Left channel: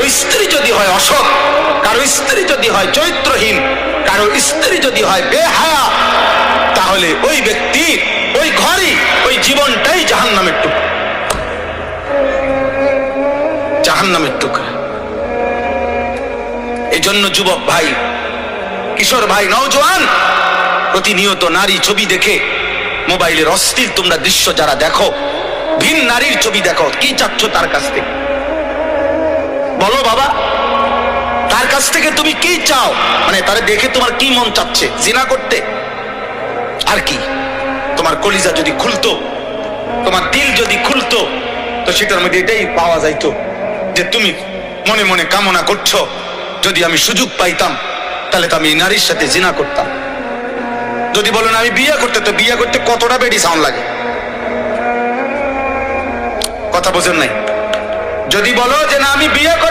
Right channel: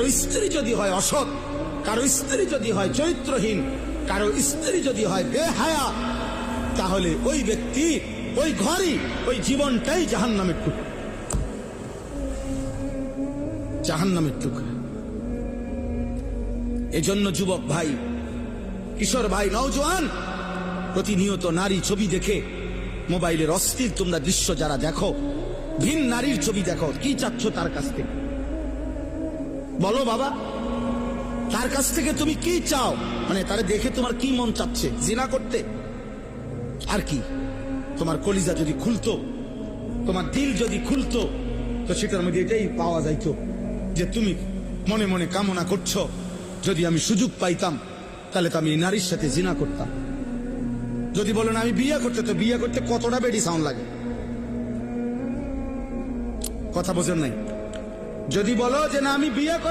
কারো স্ত্রী যদি হয় অসৎ, কারো স্ত্রী যদি হয় চরিত্রহীন, কারো স্ত্রী যদি হয় বেহায়া, তাহলে ওই ব্যক্তি, ওই ঘরই, ওই জীবনটাই জাহান্নামের টুকরা, জাহান্নামের টুকরা। এই জন্য যুবক ভাই, কিশোর ভাই, নওজোয়ান, প্রতিনিয়ত নারী ছবি দেখে মোবাইলের অশ্লীল তোমরা দৃশ্য যারা দেখো, ভিন নারীর ছবি দেখো, কি চাচ্ছ তার কাছ থেকে? বলো বাবা, তার কাছ থেকে তুমি কি চাও? মানে তারে দেখে তোমার কি মন চাচ্ছে? জিনা করতে? আর কি? তোমার কলিজা যদি খুলতো, তোমার দিল যদি খুলতো, তো সেটার মধ্যে এটাই পাওয়া যাইতো যে তুমি মনে মনে কামনা করছো, যদি আমি সুযোগ পাইতাম তাহলে তো আমি এই নারীর সাথে জিনা করতাম। যদি বলো না আমি বিয়ে করতে, তো বিয়ে করতে কতটা বেডি সাউন্ড লাগে? কথা বোঝেন নাই? যদি বলো যে না আমি বিয়ে করে